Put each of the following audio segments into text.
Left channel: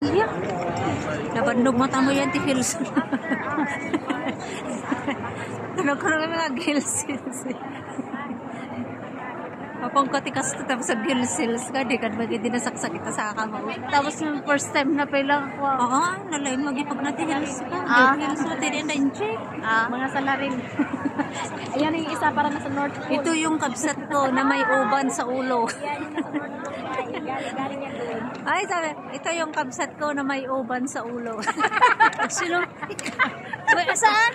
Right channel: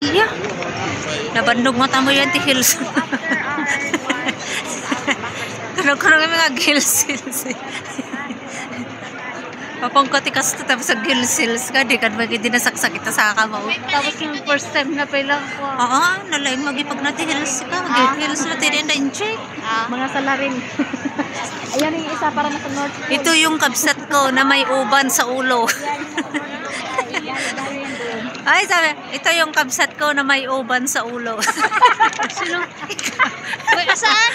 Yeah. Nabandog mata mo yan, ti Hills. Kuno-kuno nga mga Hills. Papangkatikas to tapos sa Hills ka, di kan magiging dinasaksak kita sa kamao. Tapos yung first time na pala ko. Oo, nalaing magipag na ti Hills ka. Hills na ti rin na incheck. Mga salarin. Ayan yung isa para sa North Pole. Ito yung kabsat ko na may uban sa ulo. Ay, sabi, ito yung kabsat ko na may uban sa ulo. Sino? Saan?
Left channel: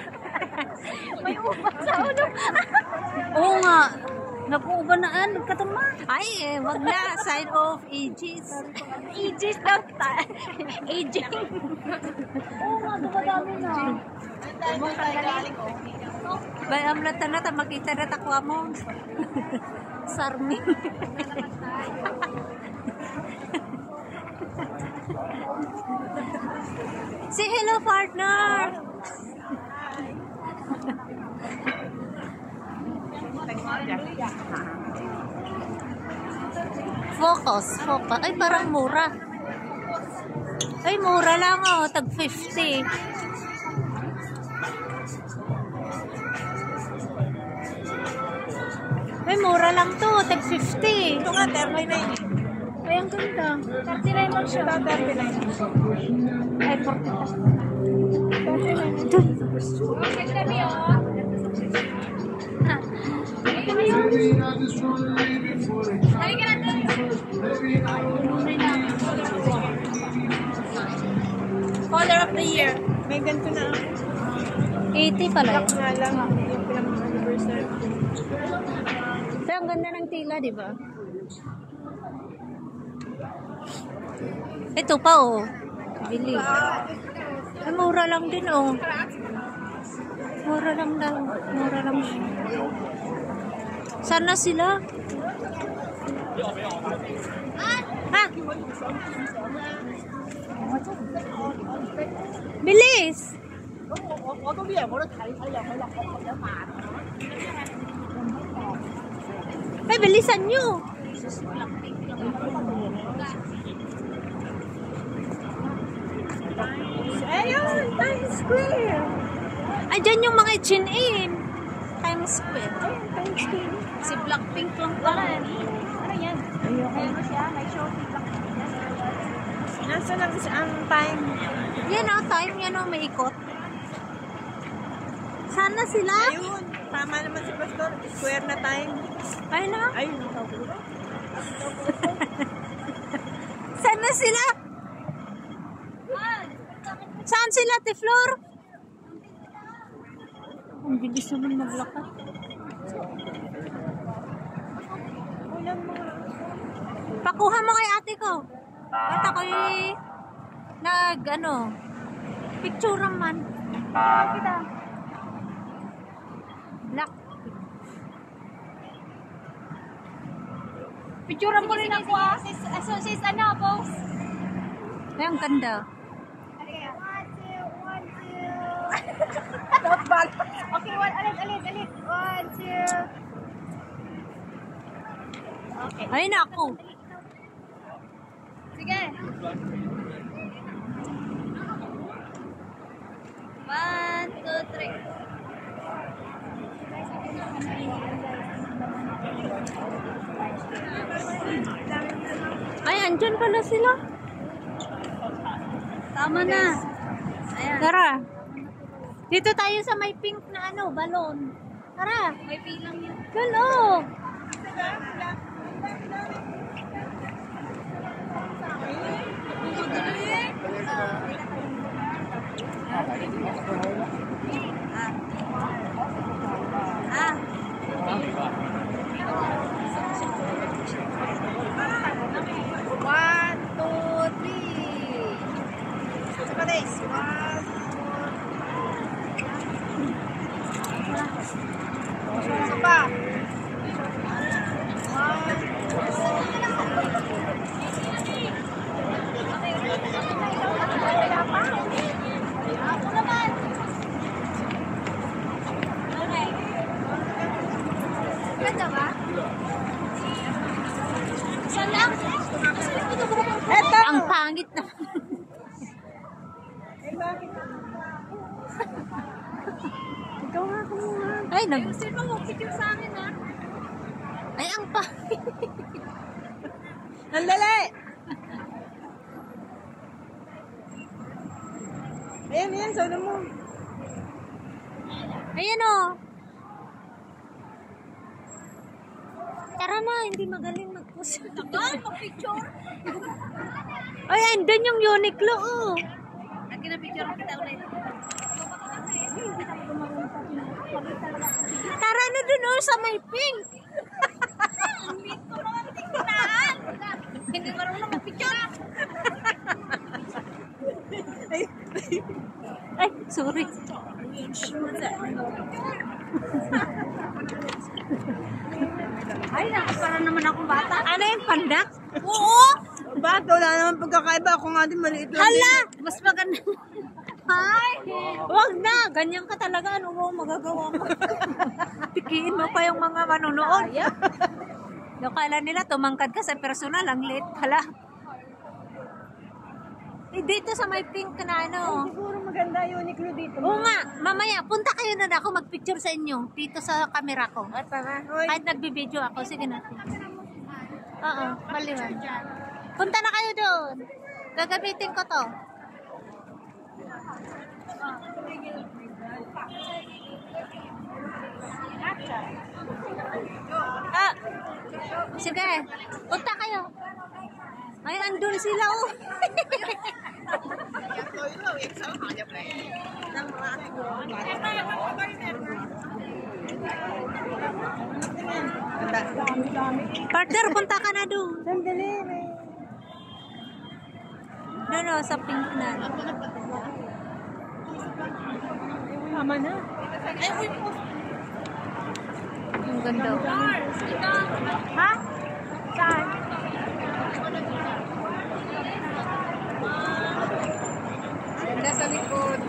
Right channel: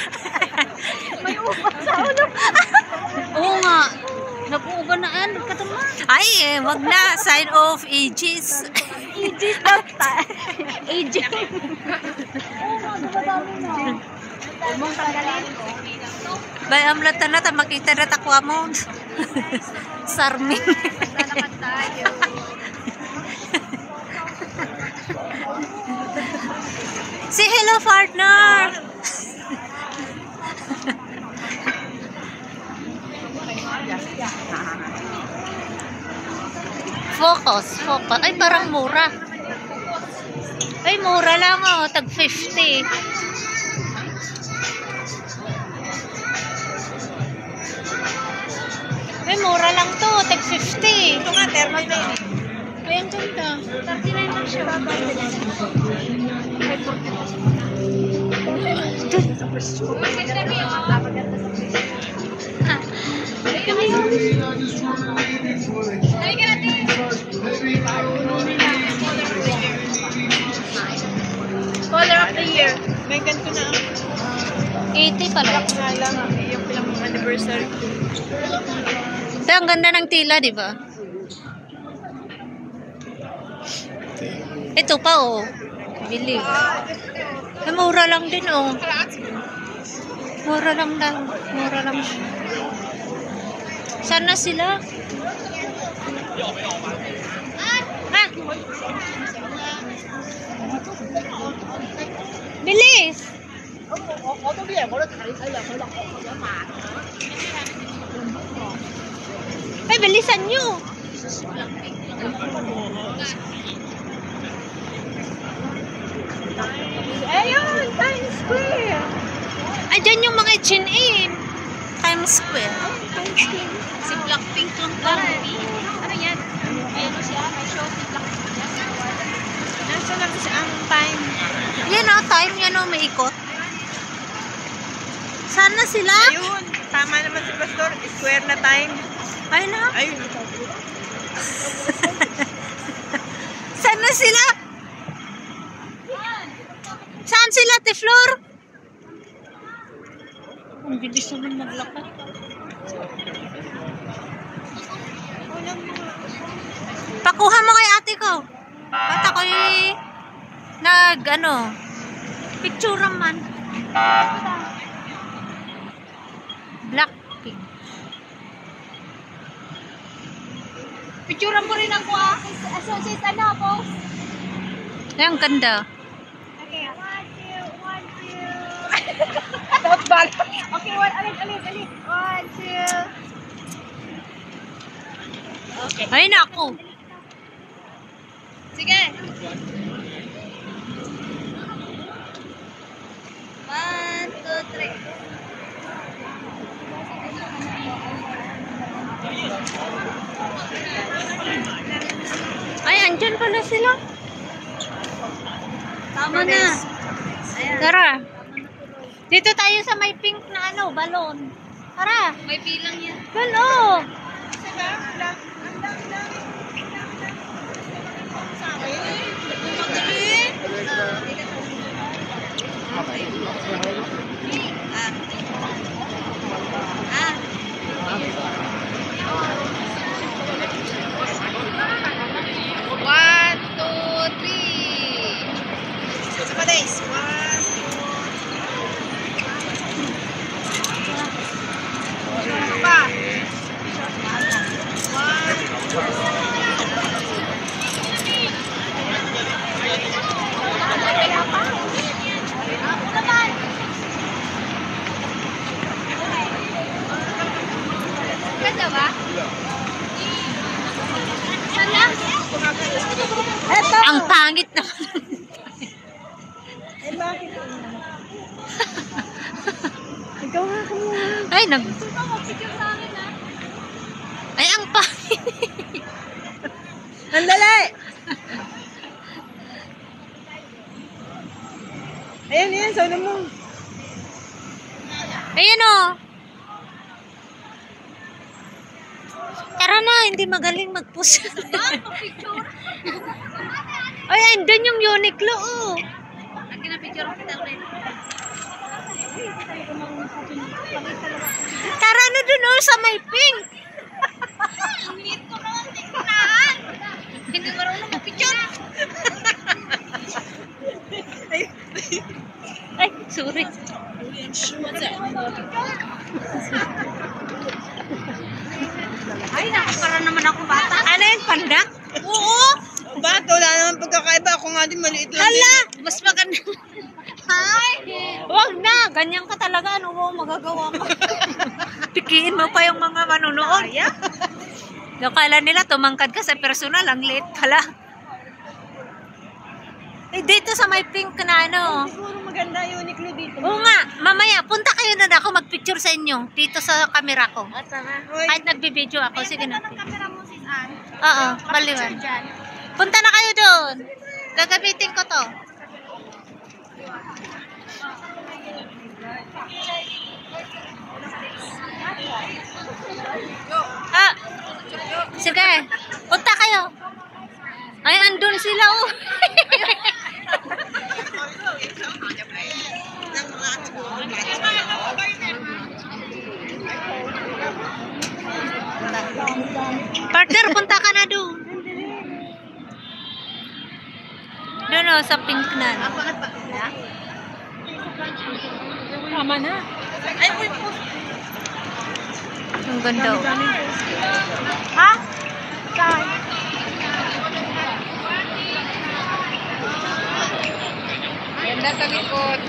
May uban sa ulo. Oo nga. Nag-uuban na yan. Katulad. Ay, wag na. Sign of ages. Ages na. Aging. Oo nga, dumadami na. Bay, amlatan na, makita na takwa mo. Sarming. Say hello, partner. Focus. Ay, parang mura. Ay, mura lang oh. Tag 50. Ay, mura lang to. Tag 50. Ito nga, thermal na yun. Ay, ang ganda. 39 lang siya. 39. Color of the year. May ganito na. 80 pala. Nga lang, yung pilang anniversary. Pero ang ganda ng tila, di ba? Ito pa, oh. Bili. Ay, mura lang din, oh. Mura lang daw. Mura lang siya. Sana sila? Ha? Bilis! Ay, bilisan nyo! Ayun, Times Square. Ay, dyan yung mga H&M. Times Square. Si Blackpink yung ano yan? Ayun siya, may show si Blackpink. Nasa lang kasi ang time. Yan oh, time yan oh, may ikot. Sana sila? Ayun, tama naman si Pastor. Square na time. Ay na. Ayun ang tawag. Sana sila? Saan sila, Tiflor? Ang bilis naman maglakad. Pakuha mo kay ate ko. At ako'y picture man. Blackpink. Picture mo rin ako sis ano boss? Ay, ang ganda. Okay, alit. 1, 2. Okay. Ay, naku. Sige. 1, 2, 3. Ay, andyan pala sila. Tama na. Tara. Dito tayo sa may pink na balon. Tara. May pilang yan. Balon. One, two, three. Days. Ang pangit naman. Ay, Sino mo picture sa akin ha? Ay, ang pa. Sandali! Ayan, ayan, solo mo. Ayan o. Tara na, hindi magaling mag-push. Picture. Ay, andun yung Uniqlo oh. Ang ginapicture kita ulit. Tara na dun oh, sa may pink. Ang liit ko naman tingnan. Hindi marunong mag-picture. Ay, sorry. Ay, nakapara naman ako bata. Ano yung pandak? Oo. Bakit? Wala naman pagkakaiba. Ako nga din maliit lang Hala, din. mas maganda. Ay. Wag na, ganyan ka talaga. Ano mo magagawa mo? Pikiin mo pa yung mga manunood. Kala nila tumangkad ka sa personal, ang liit pala. Eh, dito sa may pink na ano. Siguro maganda yung Uniqlo dito. Oo nga, mamaya, punta kayo na ako magpicture sa inyo. Dito sa camera ko. Hoy, Kahit nagbibideo ako, sige natin. Kamera mo sis Ann. Oo, maliwan. Diyan. Punta na kayo doon. Gagamitin ko to. Ah, sige. Punta kayo. Ay, andun sila oh. Partner, punta ka na doon. Doon oh, sa pink na. tama na. Ay, uy po. Ang ganda oh. Ha? Ganda sa likod.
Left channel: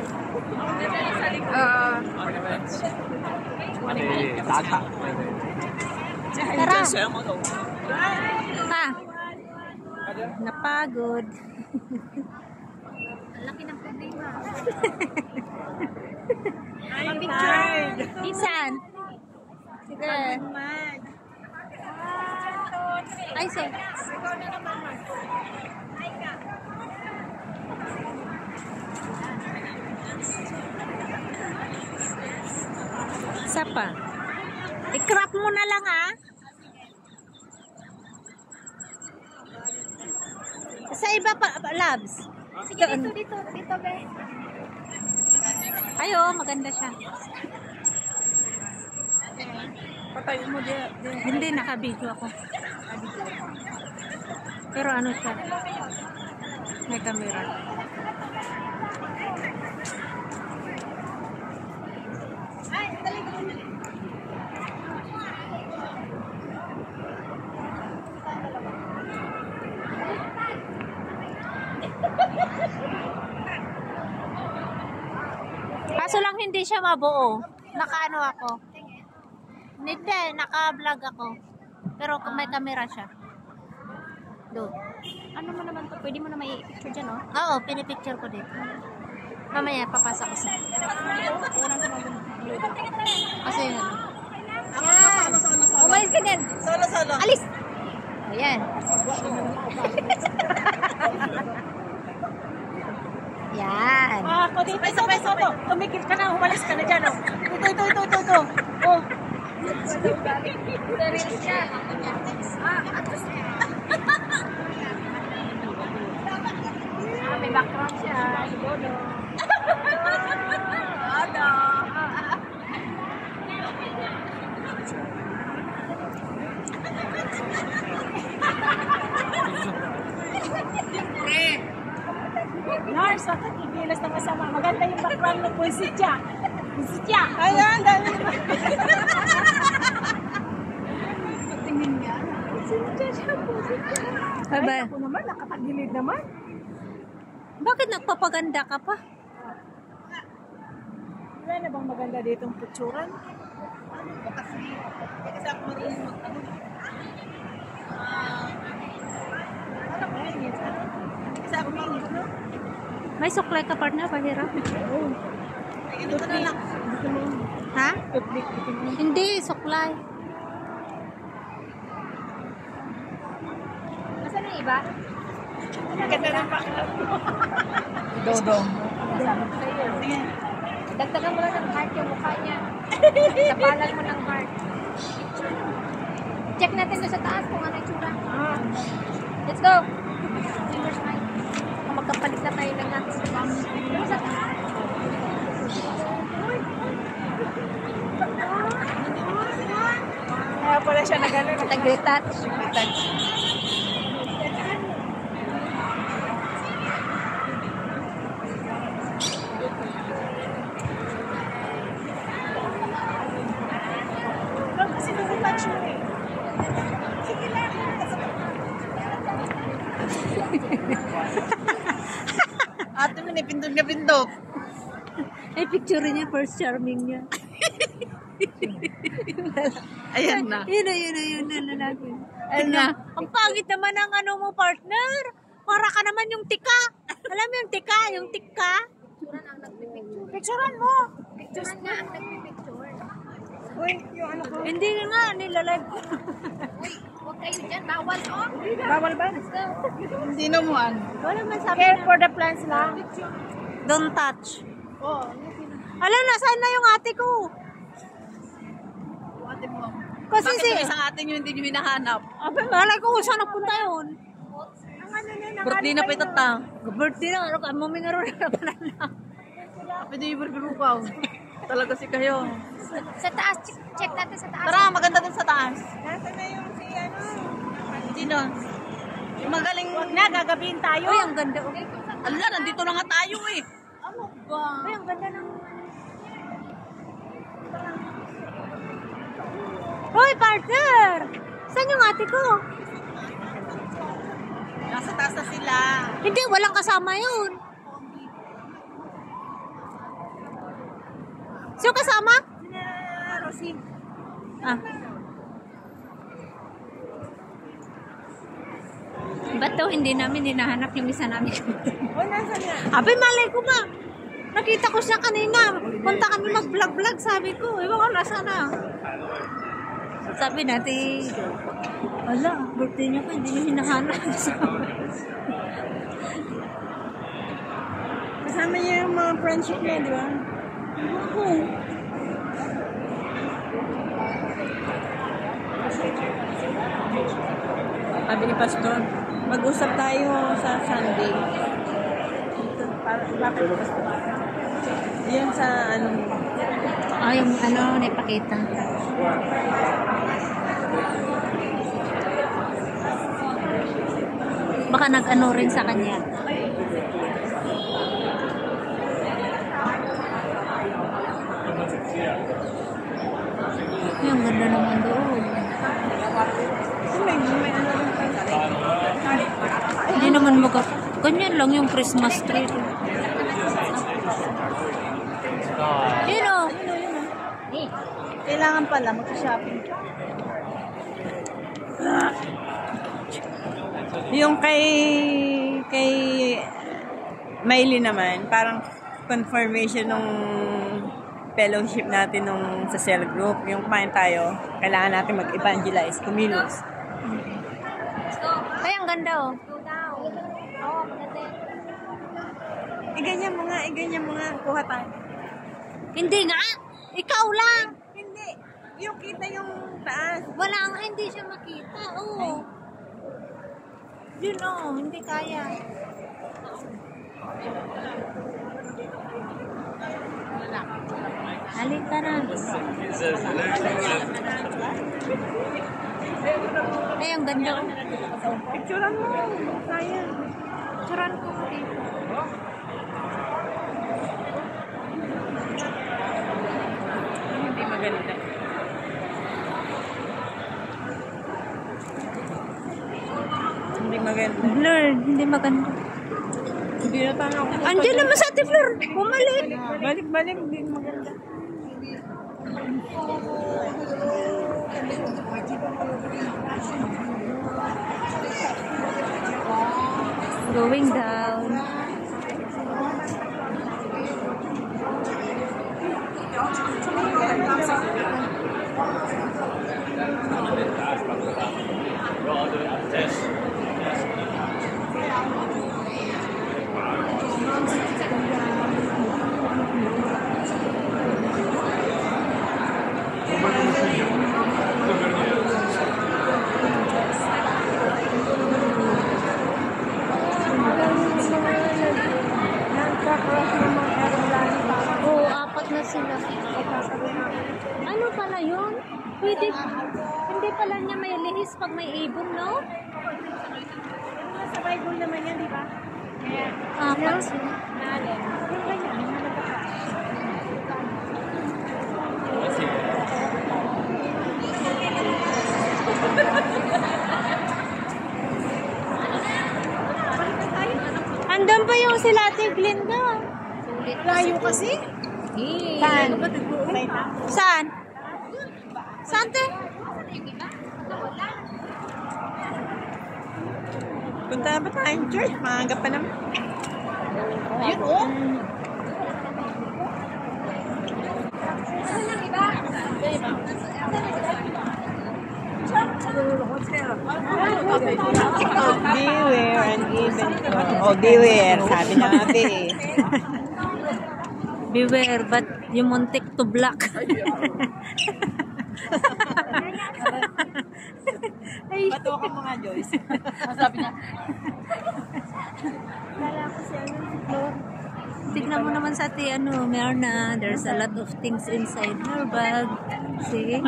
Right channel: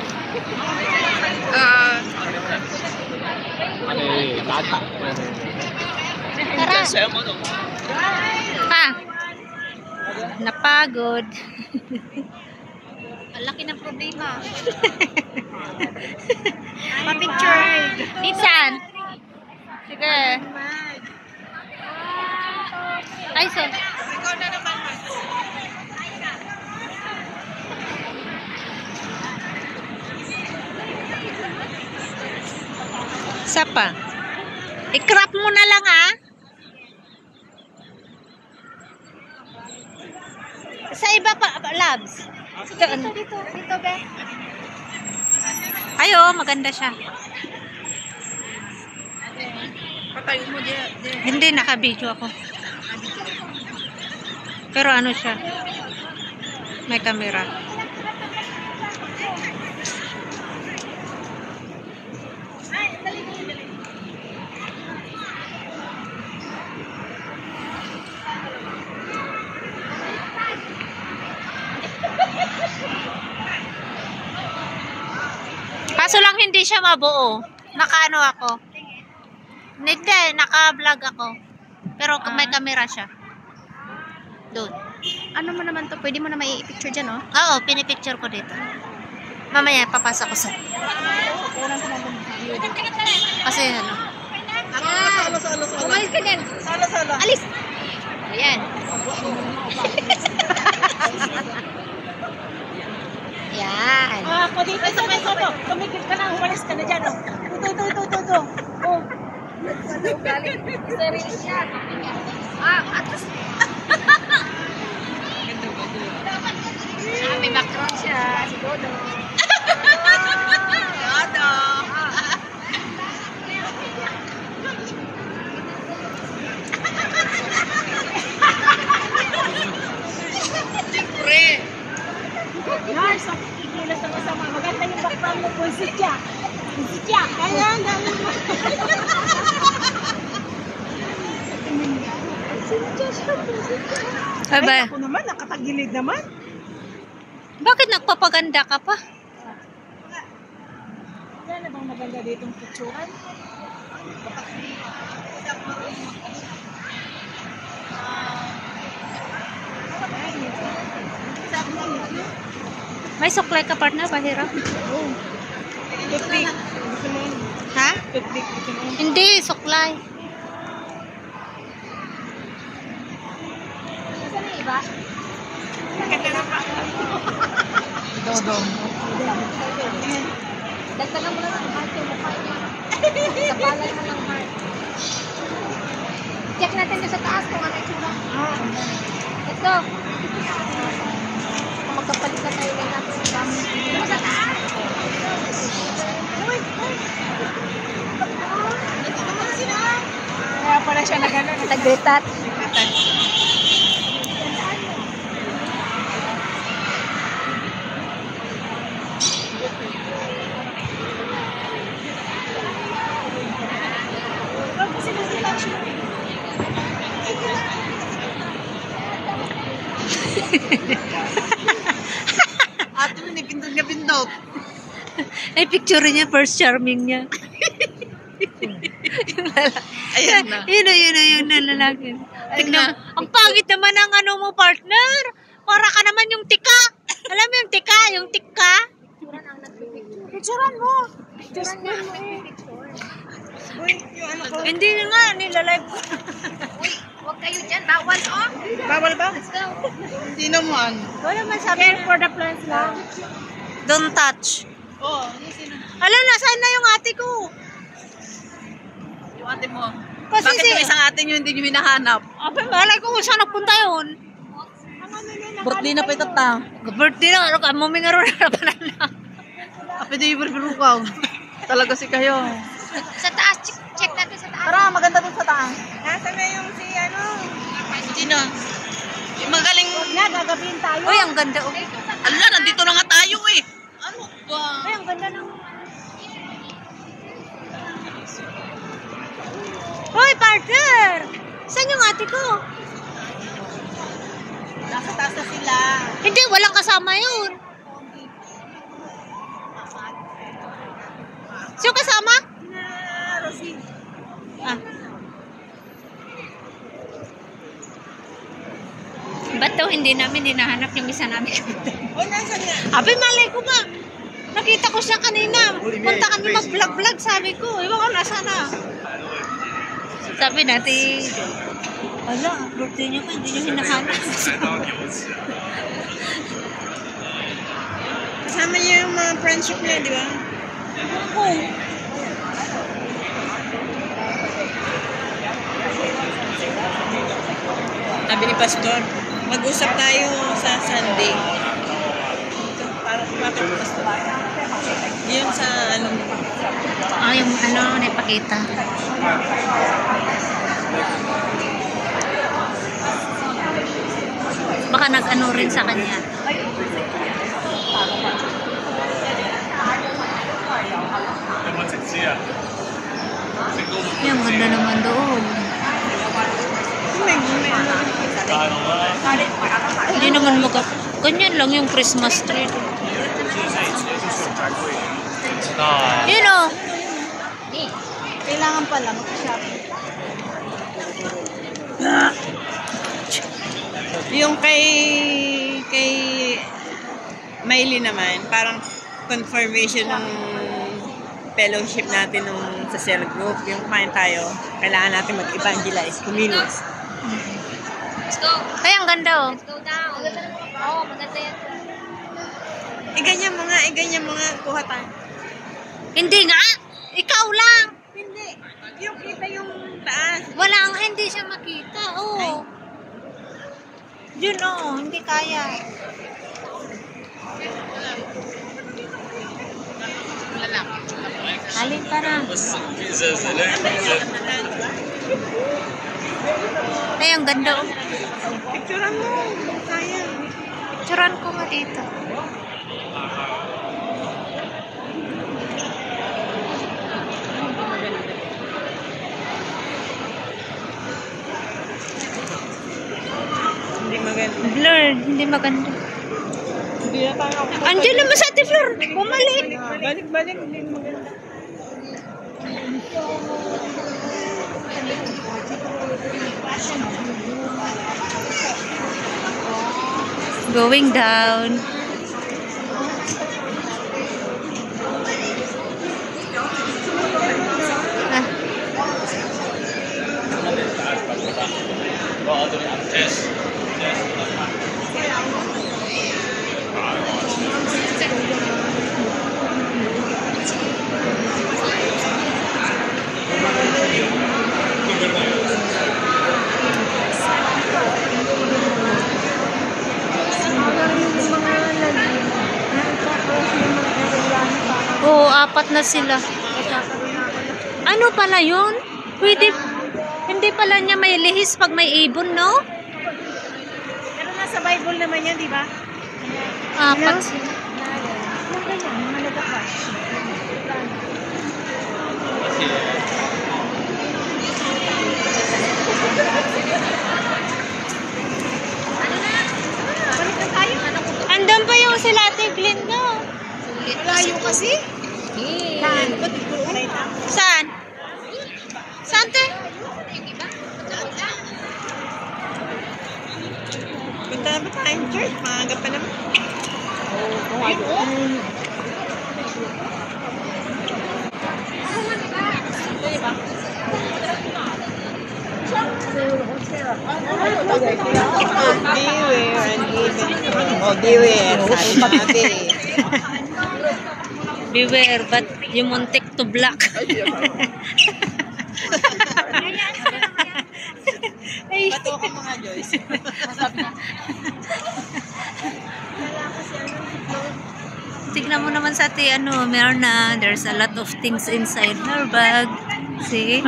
Lata. Ha? Napagod. Ang laki ng problema. Ma-picture. Saan? Sige. Ay, so. Ikaw na naman. Isa pa. I-crop mo na lang ah. Sa iba pa, labs. Doon. Dito, be. Ay, oh, maganda siya. Patayo mo diyan. Hindi, naka-video ako. Pero ano siya? May camera. Kaso lang hindi siya mabuo. Naka-ano ako. Hindi, naka-vlog ako. Pero may camera siya. Doon. Ano mo naman to? Pwede mo na may picture dyan, oh. Oo, pinipicture ko dito. Mamaya, papasa ko sa... Kasi ano. Umalis ka dyan. Sala. Alis. Ayan. Yan. Ako dito, ito. Tumikip ka na, humalas ka na dyan. Oh. Ito. Oh. Atos. May background siya. Si Dodo. Guys, bakit ikilas na kasama? Maganda yung background ng Punsitya. Ayan, dami mo. Ay ba? Ako naman, nakatagilid naman. Bakit nagpapaganda ka pa? Wala na bang maganda ditong picturean? May suklay ka partner, pahirap. Oh. Toothpick. Gusto mo? Ha? Hindi, suklay. Nasaan na yung iba? Dagdagan mo lang ng heart yung mukha niya. Kapalan mo ng heart. Check natin doon sa taas kung ano yung tsura. Let's go. Kung magkapalit na tayo na natin sa taas. Sa taas. Kaya pala siya na gano'n. Nag-retouch. Ato na pindot na pindot. Ay, picture niya, first charming niya. Ayan na. Yun na lalaki. Tignan, ang pangit naman ang ano mo, partner. Para ka naman yung tika. Alam mo yung tika? Yung tika? Picturean mo. Hindi nga, nilalive ko. Huwag kayo dyan. Bawal oh. Bawal ba? Hindi naman. Wala man sabi Care for the plants lang. don't touch. Oo. Ala, nasaan na yung ate ko? Yung ate mo. Kasi Bakit yung isang ate nyo hindi nyo hinahanap? Aba, malay ko kung saan napunta yun. Ang ano niya, Birthday na pa ito ta. Birthday na, ano ka, mamingaro na pa na. Pwede yung berberukaw. Talaga si kayo. Sa taas, check natin sa taas. Tara, maganda dun sa taas. Nasa na yung si ano? Sino? Yung magaling. Huwag na, gagabihin tayo. Uy, ang ganda. Oh. Ala, nandito na nga tayo eh. Ano ba? Ay, ang ganda ng... Hoy, partner! Saan yung ate ko? Nasa taas na sila. Hindi, walang kasama yun. Sino kasama? Ah. Ba't daw hindi namin hinahanap yung isa namin? Abi, malay ko ba? Nakita ko siya kanina. Punta kami mag-vlog-vlog, sabi ko. Ewan ko, nasa na? Sabi natin, ala, birthday niyo pa, hindi niyo hinahanap. Kasama niya yung mga friendship niya, di ba? Ako. Sabi ni Pastor, mag-usap tayo sa Sunday. Para makapagpas tayo. Yan sa ano. Ah, yung ano, naipakita. Baka nag-ano rin sa kanya. Yung ganda naman doon. Hindi naman ganyan lang yung Christmas tree. Yun o. Kailangan pala mag-shopping. Yung kay Miley naman, parang confirmation ng fellowship natin nung sa cell group. Yung kumain tayo, kailangan natin mag-evangelize, kumilos. Let's go. Ay, ang ganda oh. Let's go down. Oo, maganda yan. Ganyan mga, kuha tayo. Hindi nga. Ikaw lang. Hindi, yung kita yung taas. Wala ang hindi siya makita. Oo. Ay. Yun oh, hindi kaya. Halin ka na. Ay, ang ganda oh. Picturean mo, kaya. Picturean ko nga dito. Hindi maganda. Blurred, hindi maganda. Hindi na tayo. Andiyan naman sa Ate Flor. Bumalik. Balik, hindi maganda. Going down. Nag-stop na sila. Ano pala yun? Pwede, hindi pala niya may lihis pag may ibon, no? Pero nasa Bible naman yan, di ba? Apat sila. Andun pa yung sila Ate Glinda. Layo kasi. Saan? Saan? Saan te? Punta na ba tayong church? Maaga pa naman. Ayun, oh. Beware. Sabi natin eh. Beware, but you muntik to block. Ay. Bato ka mga Joyce. Tignan mo naman sa ate, meron na, there's a lot of things inside her bag. See?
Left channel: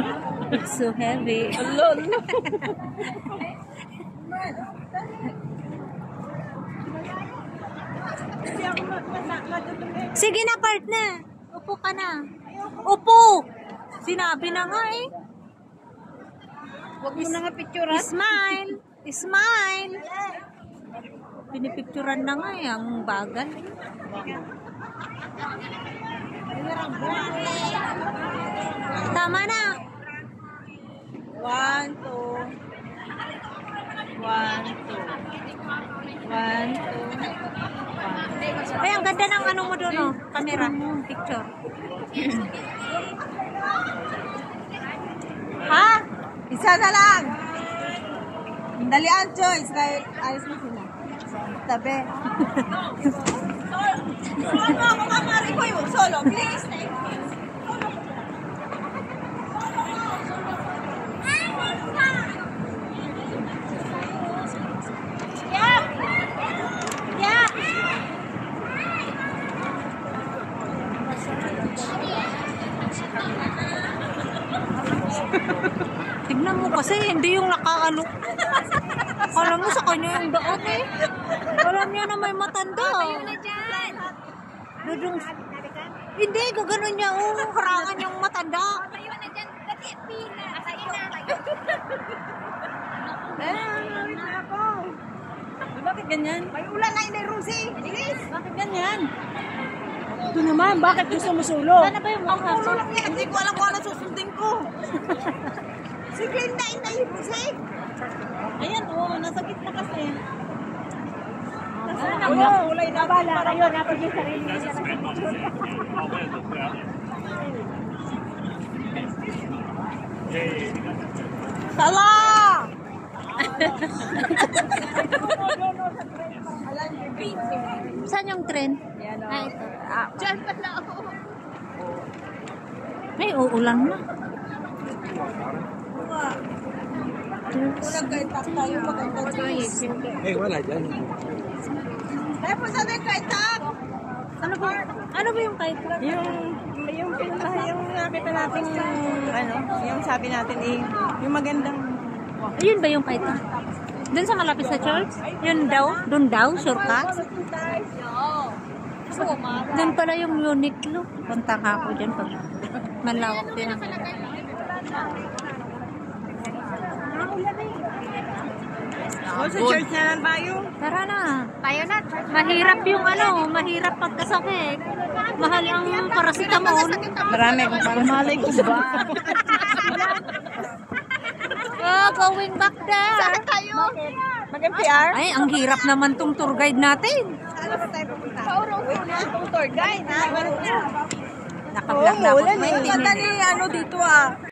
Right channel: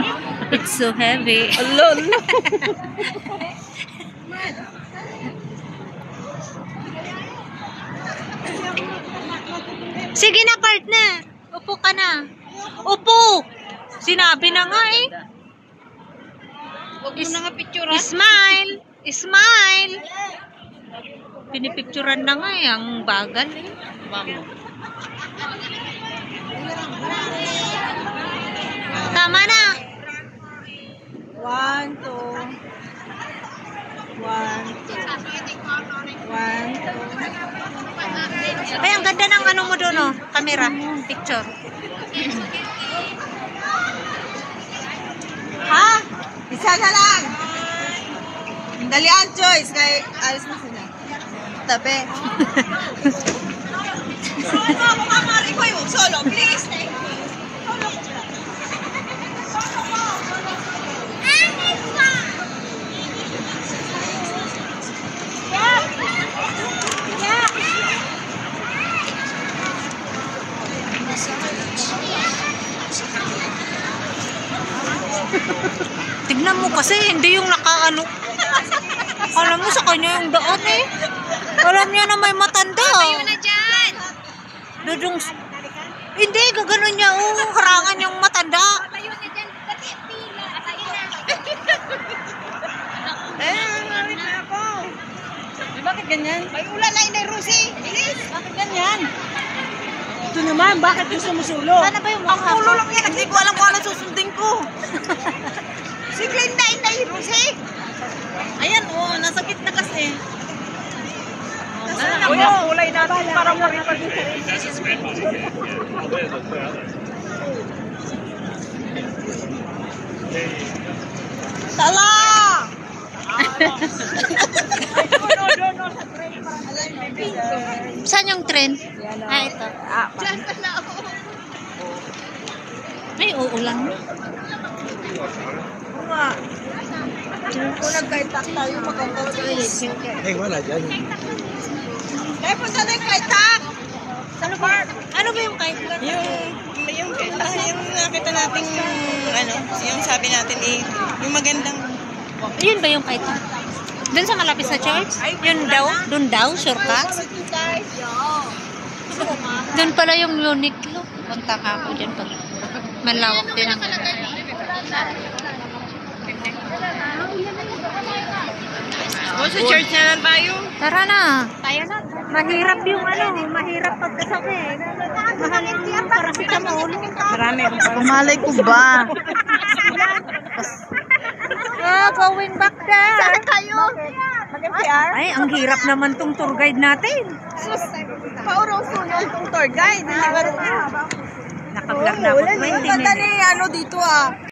It's so heavy. Alone. Sige na, partner. Upo ka na. Upo! Sinabi na nga eh. Huwag mo na nga picture, Smile! Smile! Pinipicturan na nga eh, ang bagal eh. Tama na. 1, 2. 1, 2. 1, 2. Ay, ang ganda ng ano mo doon, oh. Camera. Picture. Ha? Isa na lang. Dalian, Joyce. Kaya alis na sila. Tabi. Solo, mamamari ko yung solo. Please, thank you. Solo ko ba? Solo ko. Tignan mo kasi, hindi yung nakaano. Alam mo sa kanya yung daan eh. Alam niya na may matanda. Tayo na dyan. Dudong... Hindi, gaganon niya. Oh, harangan yung matanda. Tayo na dyan. Dati pila. Marit na ako. Bakit ganyan? May ulan na inay, Rusi. Bilis. Bakit ganyan? Ito naman, bakit gusto mo sulo? Sana ba yung Ang mukha ulo ko? lang yan. Hindi ko alam kung ano susundin ko. Si Glenda inay, Rusi. Ayan, oh. Nasa gitna kasi. Uy, ang kulay natin parang maripag. Tala! Saan yung trend? Ah, ito. Diyan pala ako. Ay, uulan mo. Kung nagkaitak tayo, maganda Joyce. Eh, wala dyan. Kaya punta na yung kaitak. Ano ba? Ano ba yung kite? Yung nakita natin, ano, yung sabi natin eh, yung magandang. Yun ba yung kite? Doon sa malapit sa church? Yun daw? Doon daw? Sure ka? Doon pala yung Uniqlo. Punta ka ako dyan pag malawak din ang O, sa church na lang tayo. Tara na. Tayo na. Mahirap yung mahirap pagkasakit. Mahal ang paracetamol. Marami. Kumalay ko ba? Oh, going back there. Kayo. Mag-NPR? Ay, ang hirap naman tong tour guide natin. Paurong tour guide. Naka-vlog na ako 20 minutes. Ano dito ah.